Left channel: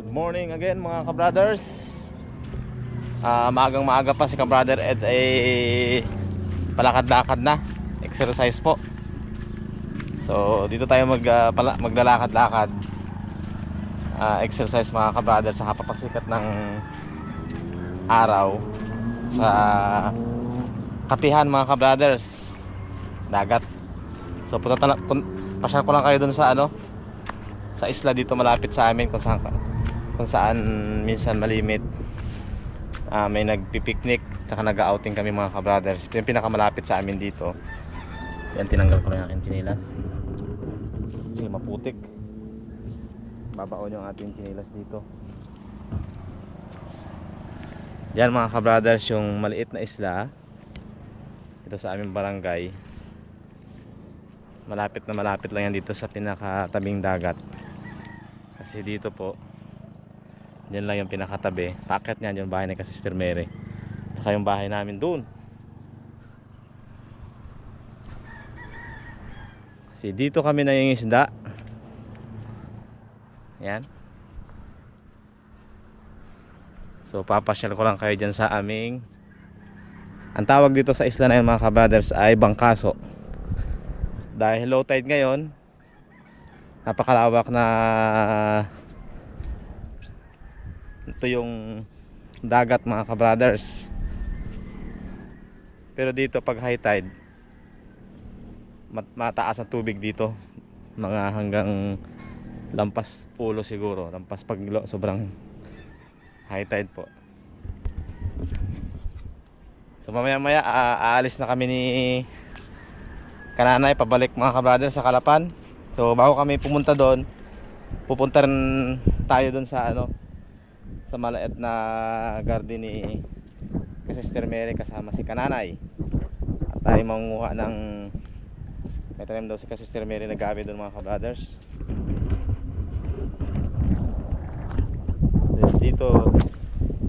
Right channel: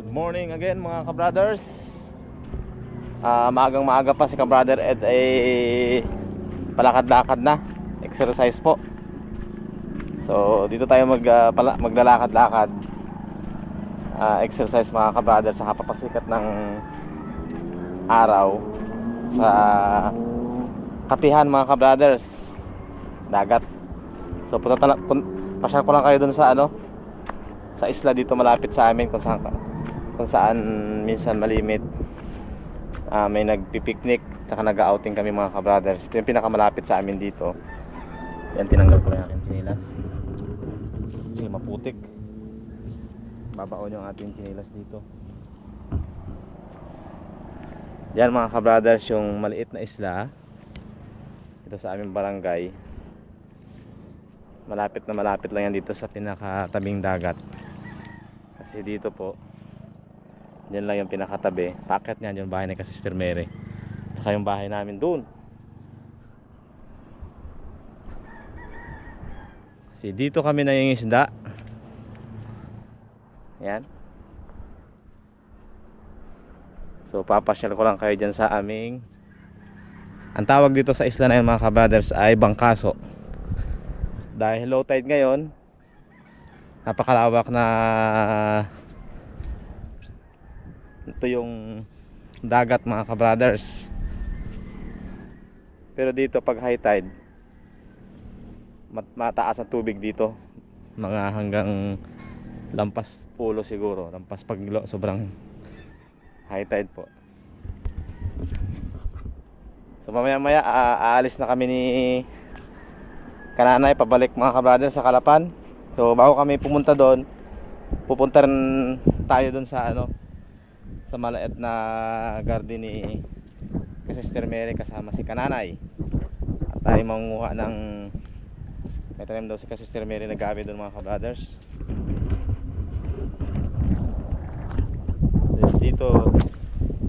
Good morning again mga kabrothers. Maagang maaga pa si kabrother Ed ay palakad-lakad na. Exercise po. So dito tayo maglalakad-lakad. Exercise mga kabrothers sa kapapasikat ng araw sa Katihan mga kabrothers, dagat. So pasyal ko lang kayo dun sa sa isla dito malapit sa amin kung saan minsan malimit. May nagpipiknik tsaka nag-outing kami mga kabrothers. Ito yung pinakamalapit sa amin dito. Yan, tinanggal ko na yung aking chinilas kasi maputik. Babaon yung ating chinilas dito. Yan mga kabrothers, yung maliit na isla ito sa aming barangay. Malapit na malapit lang yan dito sa pinakatabing dagat. Kasi dito po, yan lang yung pinakatabi. Paakyat niyan yung bahay ni Sister Mary. Saka yung bahay namin doon. Kasi dito kami nangingisda. Yan. So papasyal ko lang kayo dyan sa aming, ang tawag dito sa isla na yun mga kabrothers ay Bangkaso. Dahil low tide ngayon, napakalawak na ito yung dagat mga kabrothers. Pero dito pag high tide, mataas ang tubig dito, mga hanggang lampas ulo siguro, lampas paglo, sobrang high tide po. So mamaya maya aalis na kami ni Kananay pabalik mga kabrothers sa Calapan. So bago kami pumunta doon, pupunta rin tayo doon sa sa maliit na garden ni Sister Mary kasama si Kananay. At tayo mangunguha ng, may tanim daw si Sister Mary na gabi doon mga kabrothers. So, dito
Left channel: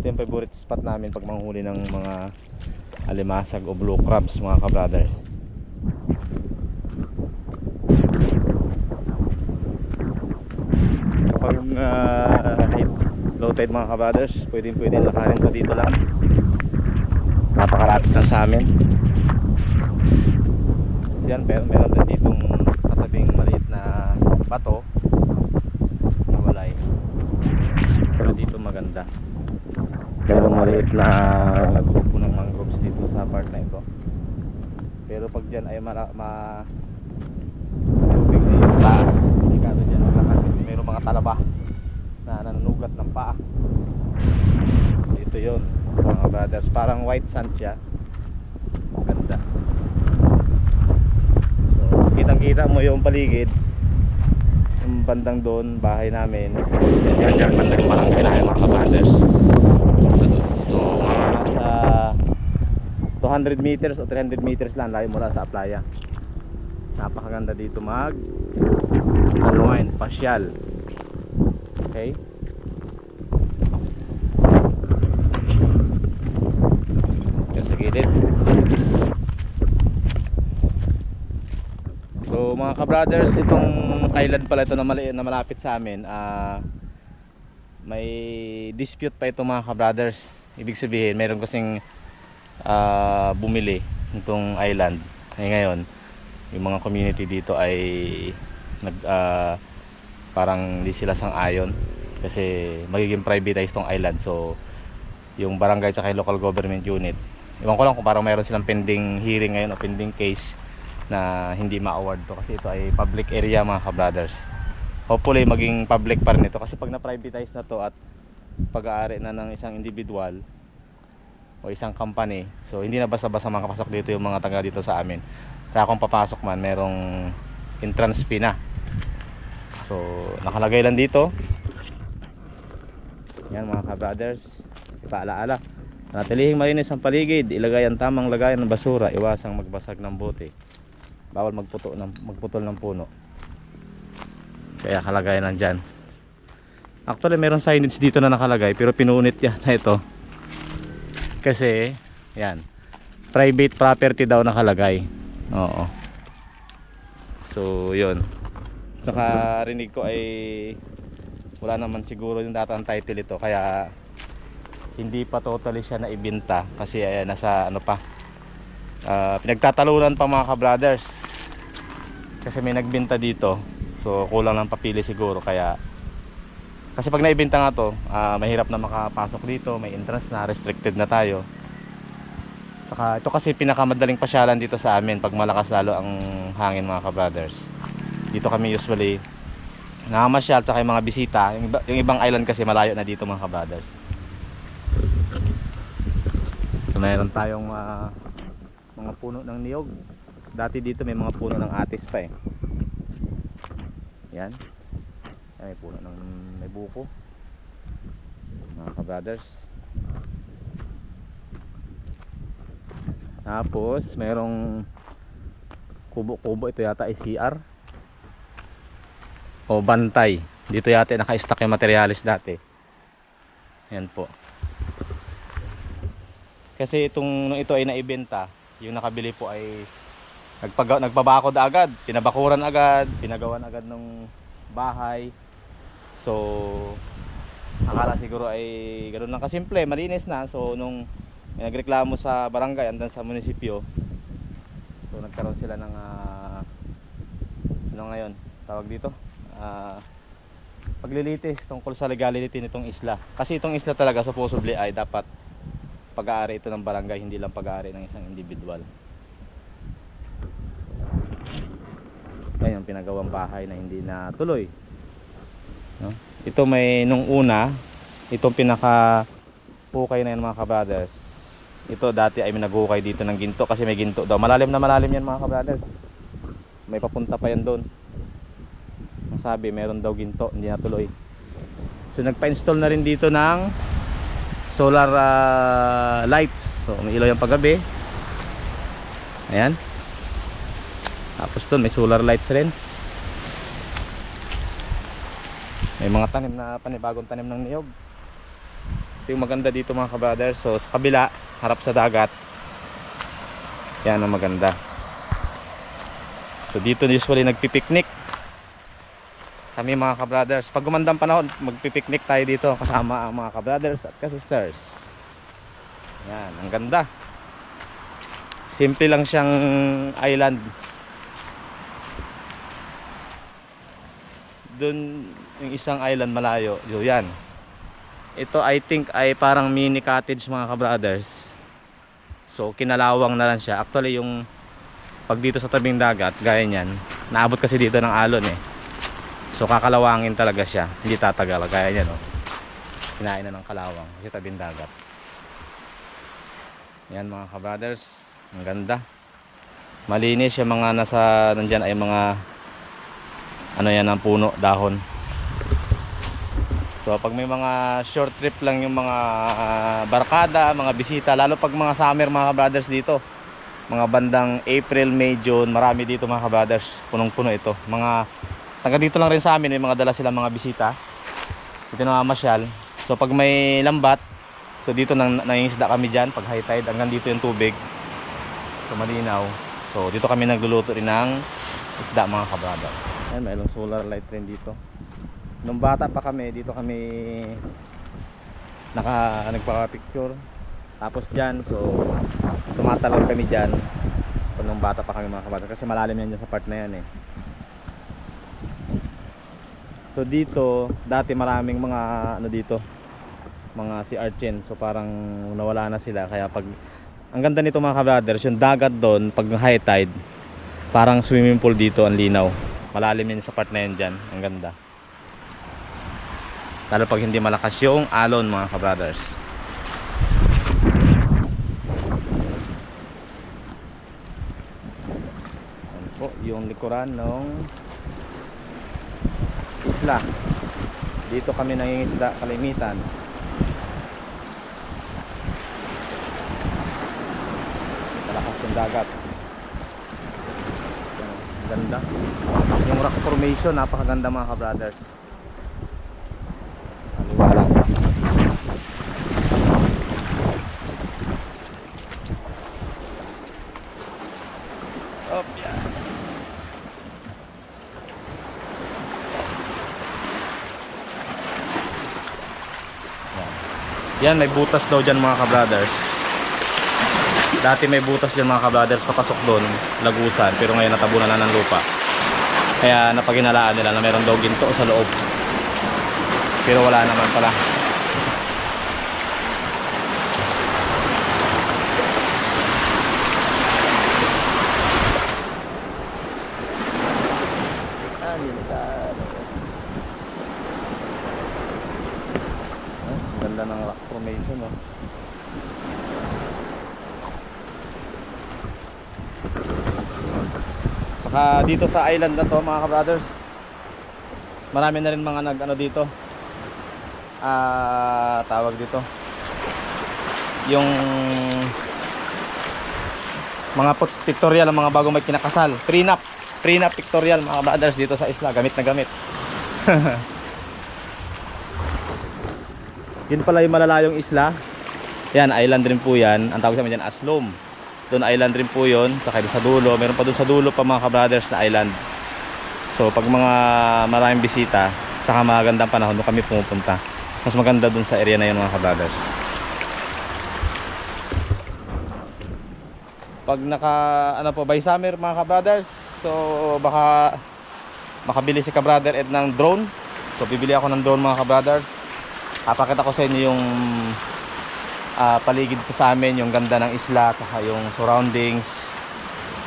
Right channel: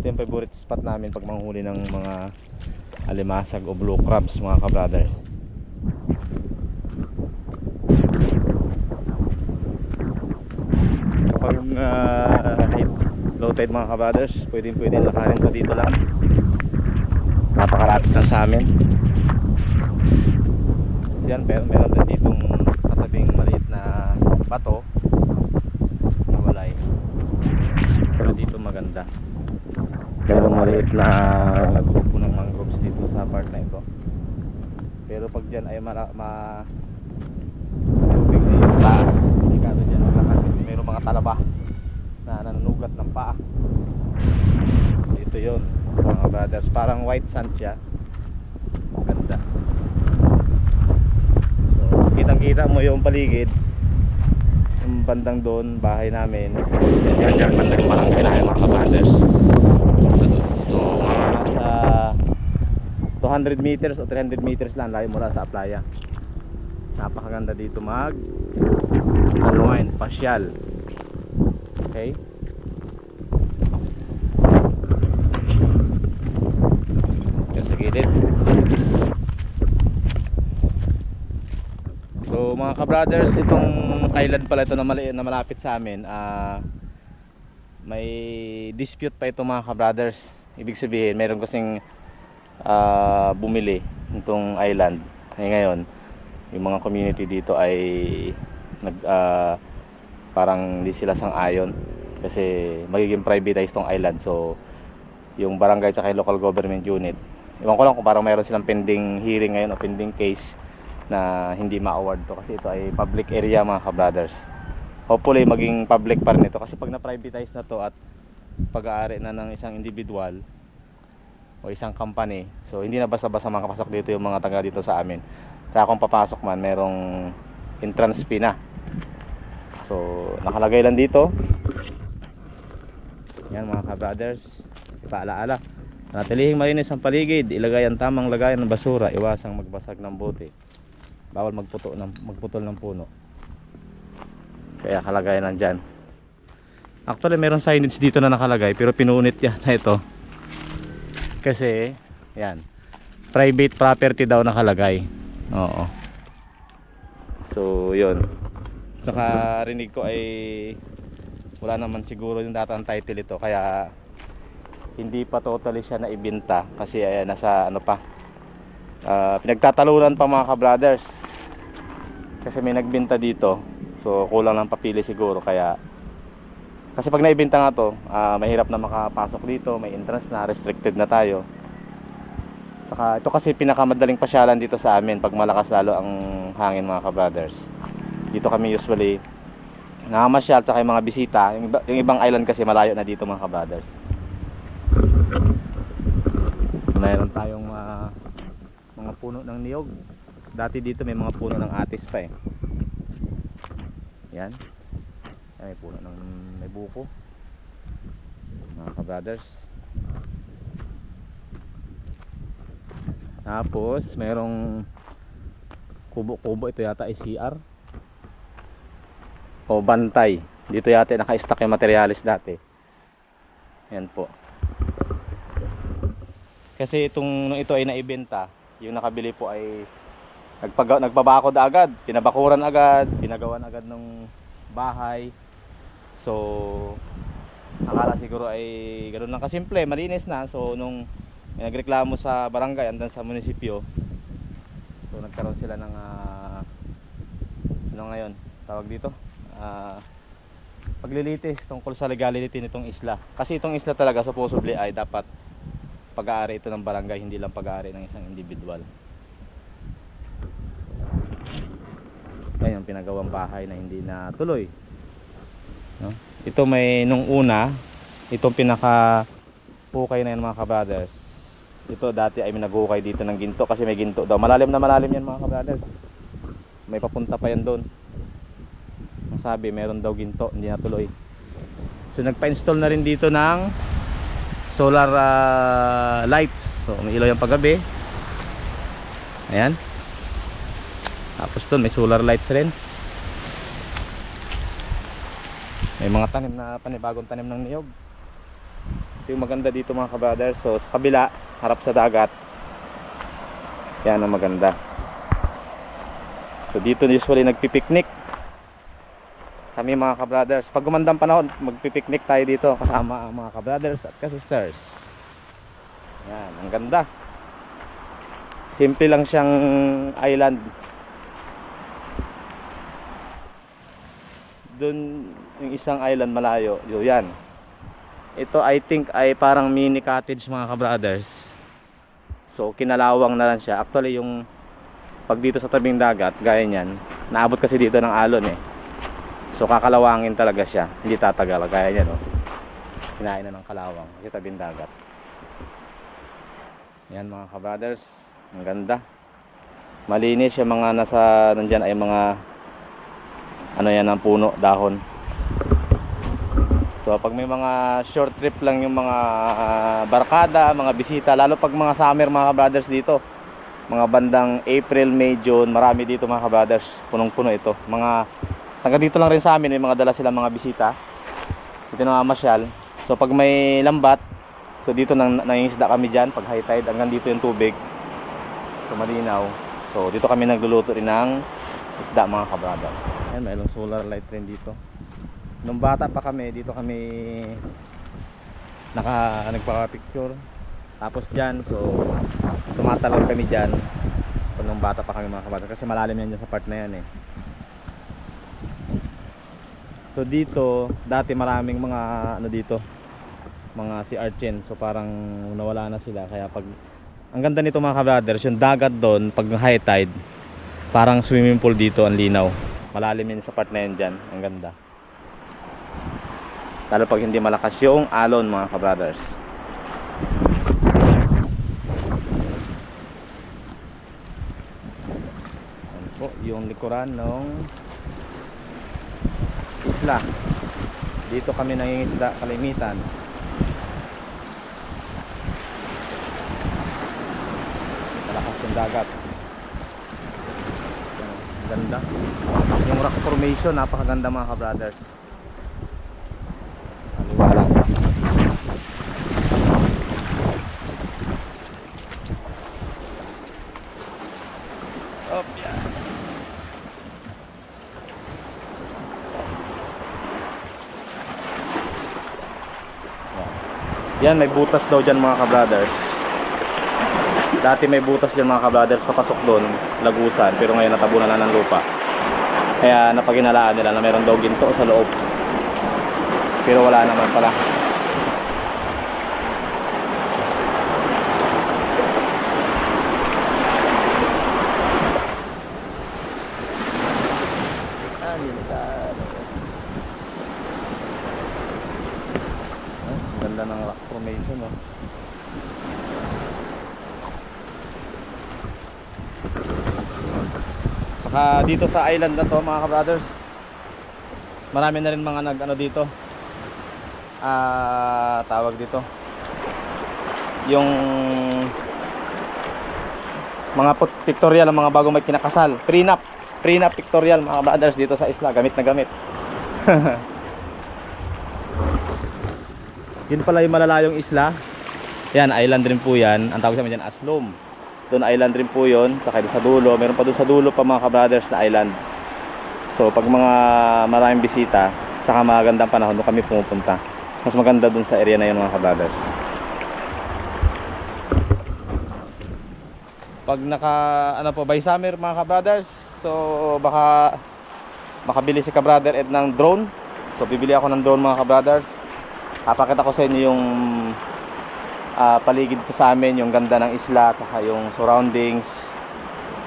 ito yung favorite spot namin pag manghuli ng mga alimasag o blue crabs mga kabrothers. Kapag low tide mga kabrothers, pwedeng lakarin to dito lang. Napakalapit lang sa amin. Yan, meron din ditong katabing maliit na bato na walay. Pero dito maganda. Meron maliit na grupo ng mangroves dito sa part na ito. Pero pag dyan ay tubig na yung taas, delikado dyan maglakad kasi mayroong mga talaba na nanunugat ng paa. So ito yun mga brothers, parang white sand siya, ganda. So kitang kita mo yung paligid, yung bandang doon, bahay namin. Yan bandang barangay namin mga brothers. So mga nasa 200 meters o 300 meters lang layo mula sa playa. Napakaganda dito unwind, pasyal. Okay. Yan sa gilid. So mga kabrothers, itong island pala ito na maliit na malapit sa amin, may dispute pa ito mga kabrothers. Ibig sabihin mayroon kasing bumili itong island. Ngayon yung mga community dito ay parang hindi sila sang-ayon kasi magiging privatized tong island. So yung barangay at yung local government unit, iwan ko lang kung parang mayroon silang pending hearing ngayon o pending case na hindi ma-award to kasi ito ay public area mga kabrothers. Hopefully maging public pa rin ito kasi pag na-privatize na to at pag-aari na ng isang individual o isang company, so hindi na basta-basta makapasok dito yung mga taga dito sa amin. Kaya kung papasok man, merong entrance fee na. So nakalagay lang dito. Yan mga kabrothers, paalaala, natilihing malinis ang paligid, ilagay ang tamang lagayan ng basura, iwasang magbasag ng bote, bawal magputol ng puno. Kaya kalagay lang dyan. Actually meron signage dito na nakalagay pero pinunit yan sa ito kasi yan, private property daw nakalagay. Oo. So yun, saka rinig ko ay wala naman siguro yung datang title ito, kaya hindi pa totally siya naibenta kasi nasa ano pa, pinagtatalunan pa mga ka-brothers kasi may nagbenta dito, so kulang ng papili siguro. Kaya kasi pag naibenta nga to, mahirap na makapasok dito, may entrance na, restricted na tayo. Saka ito kasi pinakamadaling pasyalan dito sa amin pag malakas lalo ang hangin mga ka-brothers. Dito kami usually nakamasyal, saka yung mga bisita. Yung ibang island kasi malayo na dito mga ka-brothers. Mayroon tayong mga puno ng niyog. Dati dito may mga puno ng atis pa eh. Yan. May puno ng may buko mga ka-brothers. Tapos mayroong kubo-kubo. Ito yata ay CR o bantay. Dito yata naka-stack yung materialis dati. Yan po. Kasi nung ito ay naibenta, yung nakabili po ay nagpabakod agad, pinabakuran agad, pinagawan agad ng bahay. So akala siguro ay ganoon lang kasimple, malinis na. So nung may nagreklamo sa barangay andan sa munisipyo, so nagkaroon sila ng ano ngayon tawag dito, paglilitis tungkol sa legality nitong isla. Kasi itong isla talaga supposedly ay dapat pag-aari ito ng barangay, hindi lang pag-aari ng isang individual. Yan yung pinagawang bahay na hindi na tuloy, no? Ito may nung una, itong pinaka hukay na yan mga ka-brothers. Ito dati ay naghukay dito ng ginto kasi may ginto daw. Malalim na malalim yan mga ka-brothers. May papunta pa yan doon. Ang sabi meron daw ginto, hindi natuloy. So nagpa-install na rin dito ng solar lights. So may ilaw yung paggabi. Ayan. Tapos doon may solar lights rin. May mga tanim na panibagong tanim ng niyog. Ito yung maganda dito mga ka-brothers. So sa kabila, harap sa dagat. Yan ang maganda. So dito usually nagpipiknik kami mga ka-brothers. Pag gumandang panahon, magpipiknik tayo dito kasama ang mga ka-brothers at ka-sisters. Yan, ang ganda. Simple lang siyang island. Doon yung isang island malayo, yan. Ito I think ay parang mini cottage mga ka-brothers. So kinalawang na lang siya. Actually yung pag dito sa tabing dagat, gaya niyan, naabot kasi dito ng alon eh. So kakalawangin talaga siya, hindi tatagal gaya niyan, no? Kinain na ng kalawang kasi tabing dagat. Yan mga ka-brothers, ang ganda. Malinis yung mga nasa nandiyan ay mga ano yan ng puno, dahon. So pag may mga short trip lang yung mga barkada, mga bisita, lalo pag mga summer mga ka-brothers dito, mga bandang April, May, June, marami dito mga ka-brothers, punong-puno ito. Mga taga dito lang rin sa amin, may mga dala silang mga bisita dito na mamasyal. So pag may lambat, so dito nangingisda kami dyan pag high tide, hanggang dito yung tubig, so malinaw. So dito kami nagluluto rin ng isda mga ka-brothers. Ayan, mayroong solar light rin dito. Nung bata pa kami, dito kami nagpaka-picture. Tapos dyan, so tumatalon kami dyan. So, nung bata pa kami mga kabata, kasi malalim yan dyan sa part na yan eh. So dito, dati maraming mga ano dito, mga sea urchin. So parang nawala na sila. Kaya pag, ang ganda nito mga ka-brothers, yung dagat doon pag high tide, parang swimming pool dito, ang linaw. Malalim yan sa part na yan dyan. Ang ganda. Lalo pag hindi malakas yung alon mga ka-brothers. Yan po yung likuran ng isla. Dito kami nangingisda kalimitan. Malakas yung dagat. Ganda. Yung rock formation napakaganda mga ka-brothers. Aliwalas. Op, yan. Yan, may butas daw dyan mga ka-brothers. Dati may butas dyan mga ka-brothers, papasok doon, lagusan. Pero ngayon natabunan na ng lupa. Kaya napaginalaan nila na meron daw ginto sa loob. Pero wala naman pala. Ganda ng rock formation, oh. Saka dito sa island na to mga ka-brothers, marami na rin mga nag-ano dito, tawag dito, yung mga pictorial, ang mga bagong may kinakasal, prenup pictorial mga ka-brothers dito sa isla, gamit na gamit. Yun pala yung malalayong isla. Yan, island rin po yan. Ang tawag sa amin dyan, Aslom. Doon island rin po yun. Saka sa dulo, meron pa doon sa dulo pa mga ka-brothers na island. So pag mga maraming bisita, saka magandang panahon, doon kami pumupunta. Mas maganda doon sa area na yun mga ka-brothers. Pag by summer mga ka-brothers, so baka makabili si ka-brother Ed ng drone. So bibili ako ng drone mga ka-brothers. Papakita ko sa inyo yung paligid ko sa amin, yung ganda ng isla, saka yung surroundings,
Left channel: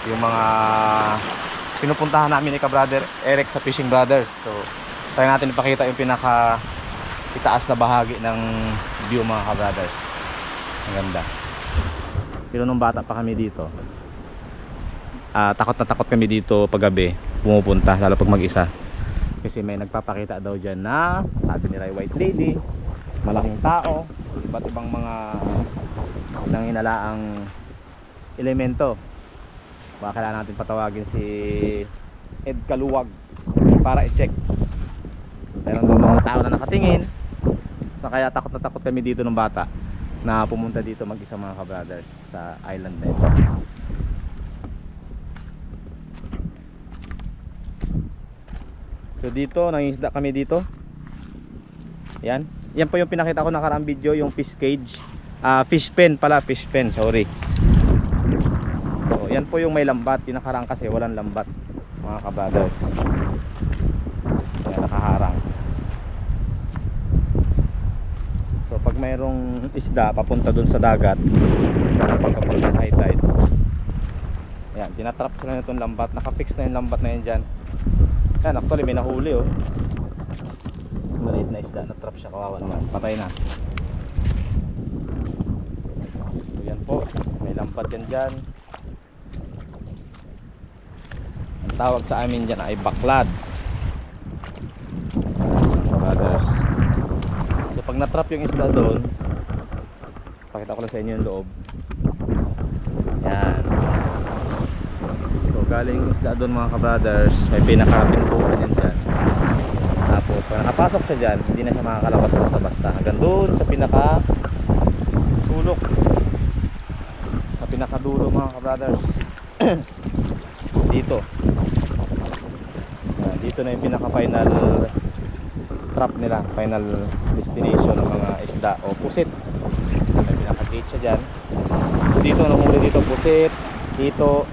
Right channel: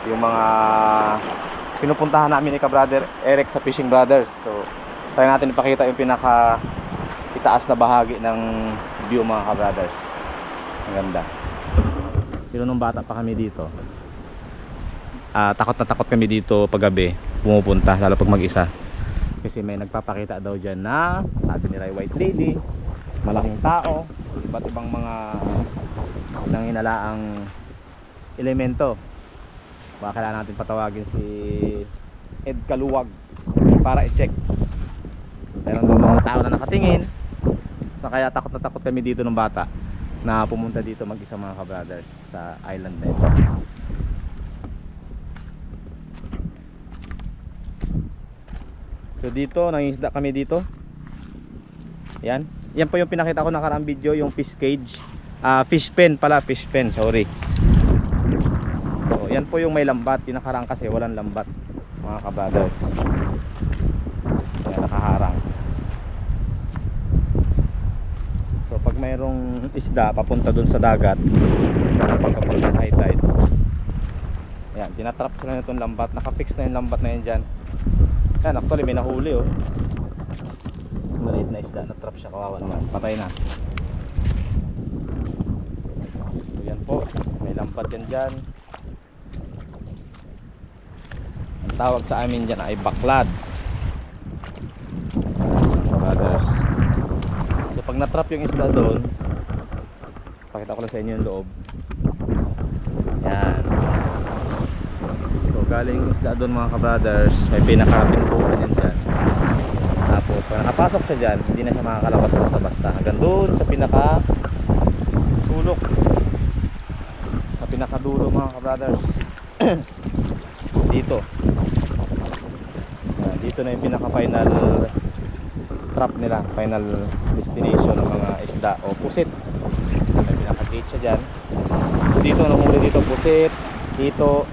yung mga pinupuntahan namin ni ka-brother Eric sa Fishing Brothers. So try natin ipakita yung pinaka itaas na bahagi ng view mga ka-brothers. Ang ganda. Pero nung bata pa kami dito, takot na takot kami dito paggabi pumupunta, lalo pag mag-isa. Kasi may nagpapakita daw dyan na, sabi nila, white lady, malaking tao, iba't ibang mga nanginalaang elemento. Baka kailangan natin patawagin si Ed Kaluwag para i-check. Meron daw mga tao na nakatingin. So kaya takot na takot kami dito ng bata na pumunta dito mag-isa mga ka-brothers sa island na ito. So dito, nangingisda kami dito. Yan. Yan po yung pinakita ko nakaraang video, yung fish cage. Fish pen pala, fish pen, sorry. So yan po yung may lambat. Yung nakarang kasi walang lambat mga ka-brothers. Yan, nakaharang. So pag mayroong isda papunta dun sa dagat, pagkapag ng high tide, yan, tinatrap sila nitong lambat. Nakafix na yung lambat na yan dyan. Yan, actually may nahuli, oh. Maliit na isda, na-trap siya, kawawa naman. Patay na. So yan po, may lambat yan dyan. Ang tawag sa amin dyan ay baklad. Brothers. So pag na-trap yung isda doon, pakita ko lang sa inyo yung loob. Yan. So galing yung isda doon mga ka-brothers, may pinakapintuan yan dyan. Tapos pag nakapasok siya dyan, hindi na siya makakalabas basta-basta. Hanggang doon sa pinaka sulok, sa pinakadulo mga ka-brothers. Dito. Dito na yung pinaka-final trap nila, final destination ng mga isda o pusit. May pinaka-gate siya dyan. So dito, nahuli dito pusit, dito,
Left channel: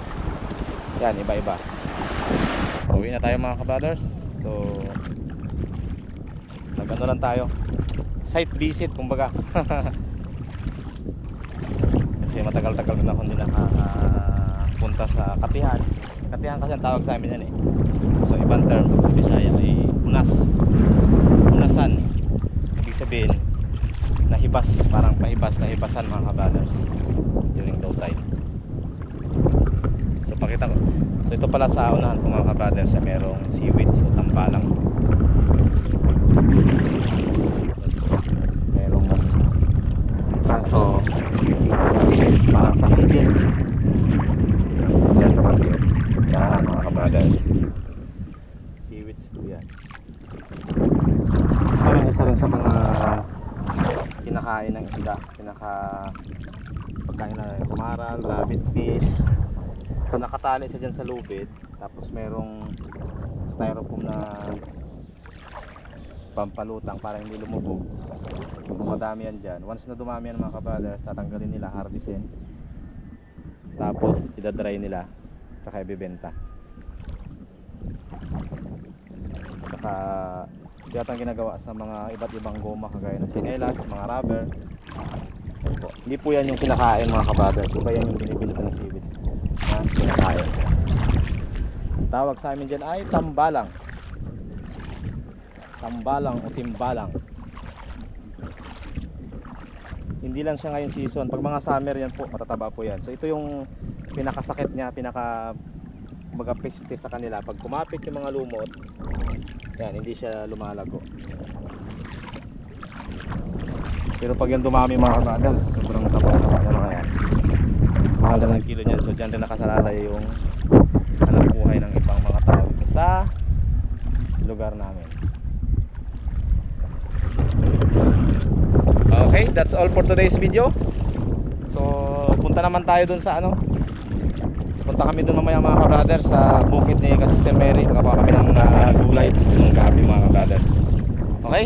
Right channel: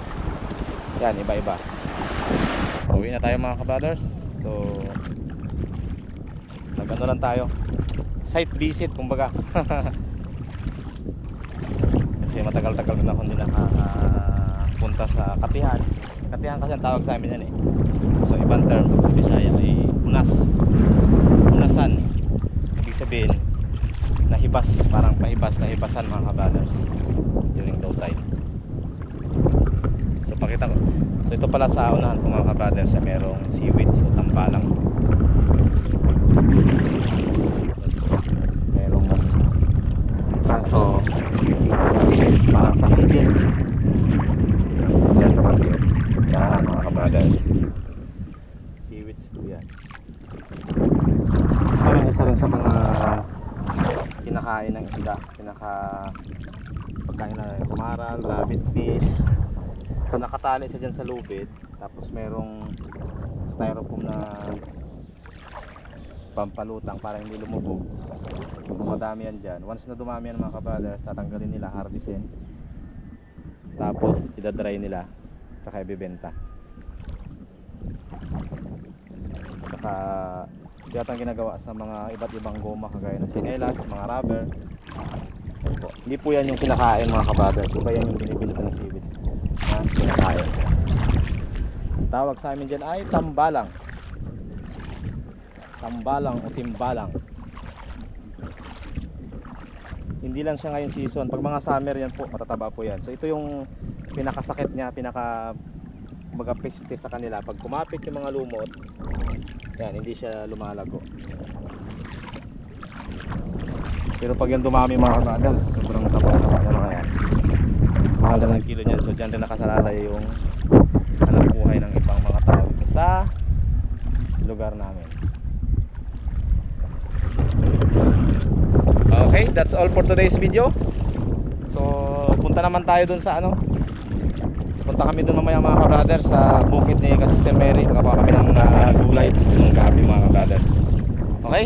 yan, iba-iba. Uwi na tayo mga ka-brothers. So nag-ano lang tayo, site visit kumbaga. Kasi matagal-tagal na ako hindi nakapunta sa Katihan. Katihan kasi ang tawag sa amin yan, eh. So ibang term sa Bisaya ay unas, unasan. Ibig sabihin nahibas, parang pahibas, nahibasan mga ka-brothers during low tide. So pakita ko, so ito pala sa unahan ko mga ka-brothers, merong seaweeds o tambalang. Merong kanso parang sa higil yan sa kanto. Yan mga ka-brothers, seaweeds po yan. Parang isa rin sa mga kinakain ng isda, pagkain na kumaral, rabbit fish. So nakatali siya dyan sa lubid, tapos merong styrofoam na pampalutang para hindi lumubog. Kung madami yan dyan, once na dumami yan mga kabrothers, tatanggalin nila, harvestin, tapos idadry nila, saka ibibenta. Saka yata ang ginagawa sa mga iba't ibang goma kagaya ng chinelas, mga rubber. Opo. Hindi po yan yung kinakain mga kabrothers, iba yan yung binibili ko ng seaweeds na kinakain. Tawag sa amin dyan ay tambalang. Tambalang o timbalang. Hindi lang siya ngayon season. Pag mga summer yan po, matataba po yan. So ito yung pinakasakit niya, kumbaga peste sa kanila. Pag kumapit yung mga lumot, yan, hindi siya lumalago. Pero pag yan dumami mga kabrothers, sobrang taba-taba na mga yan. Mahal na ng kilo niyan. So dyan rin nakasalalay yung hanap buhay ng ibang mga tao dito sa lugar namin. Okay, that's all for today's video. So punta naman tayo dun sa punta kami dun mamaya mga kabrothers sa bukid ni Ka-Sister Mary. Makakuha kami ng gulay ng gabi mga kabrothers. Okay?